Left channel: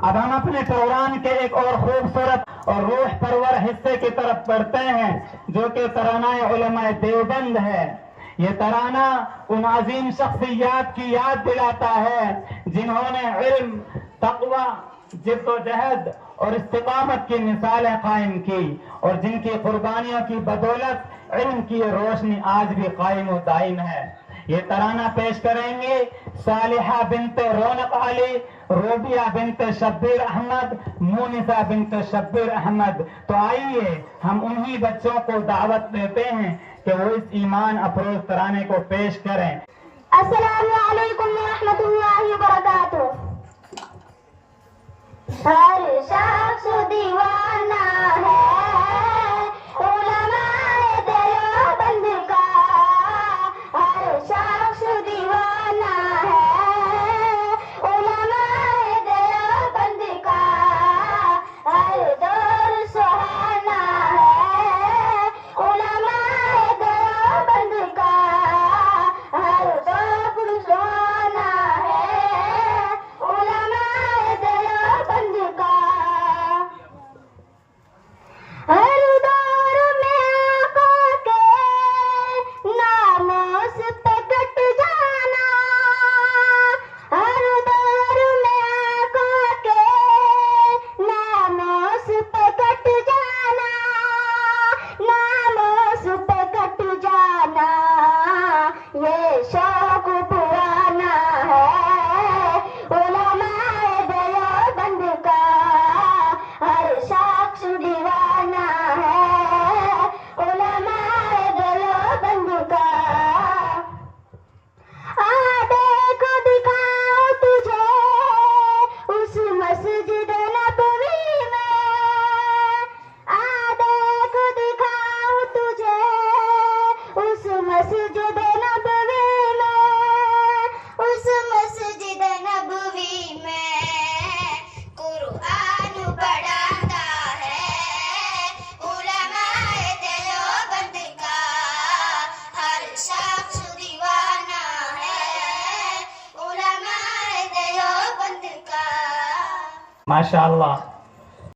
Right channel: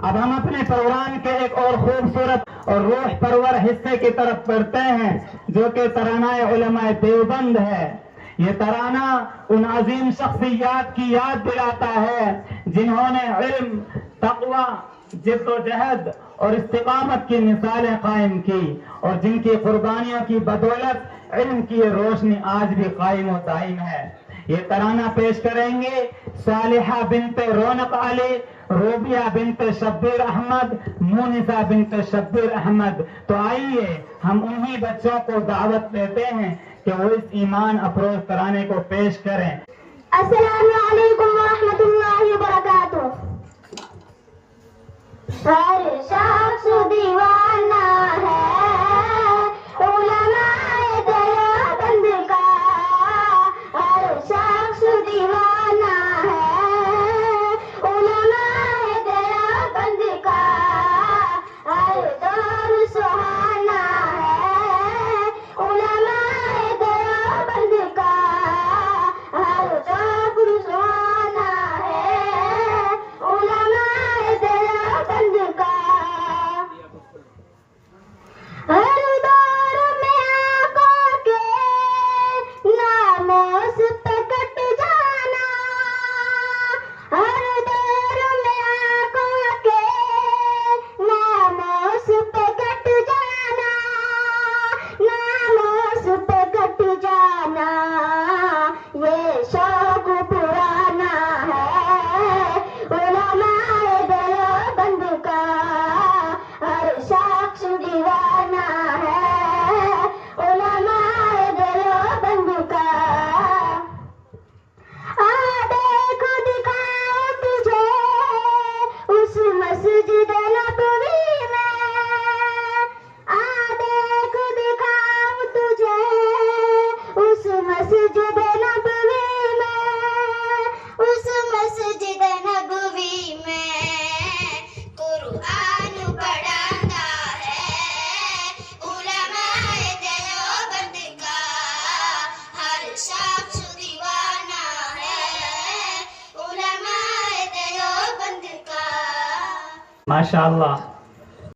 अब हम अपने प्रोग्राम के एक और खूबसूरत और रूह परवर हिस्से की तरफ बढ़ते हैं, जो कि तरानाए उलमाए देवबंद है। ये तराना उन अजीम शख्सियात की याद दिलाता है जिन्होंने इल्म, तक़वा, जिद्दोजहद और इस्तिक़ामत की मिसालें कायम की और जिनकी कुर्बानियों की बदौलत इल्म की रोशनी आज भी कायम और दायम है। ये तराना पेश करेंगे सालिहा बिनते रौनक अली, रोबिया बिनते शब्बीर अहमद, मोनिसा बिनते शब्बीर अहमद। तो आइए हम उन्हीं बच्चों को दावत देते हैं कि वो इस ईमान अफरोज तराने को पेश करें। अस्सलामु अलैकुम व रहमतुल्लाहि व बरकातुहू। हर शख्स दीवाना है उलमाए देवबंद का, हर शख्स दीवाना है उलमाए देवबंद का, हर दौर सुहाना है उलमाए देवबंद का, हर दौर सुहाना है उलमाए देवबंद का। हर दौर में आंखों के नामों से कट जाना, हर दौर में आंखों के नामों से कट जाना, नामों से कट जाना, ये शौक पुराना है उलमाए देवबंद का, हर शख्स दीवाना है उलमाए देवबंद का। आ देखो दिखाओ तुझे उस मस्जिद नबवी में, आ देखो दिखाओ तुझे उस मस्जिद नबवी में, उस मस्जिद नबवी में कुरान पढ़ाता है उलमाए देवबंद का, हर शख्स दीवाना है उलमाए देवबंद का। माशाअल्लाह।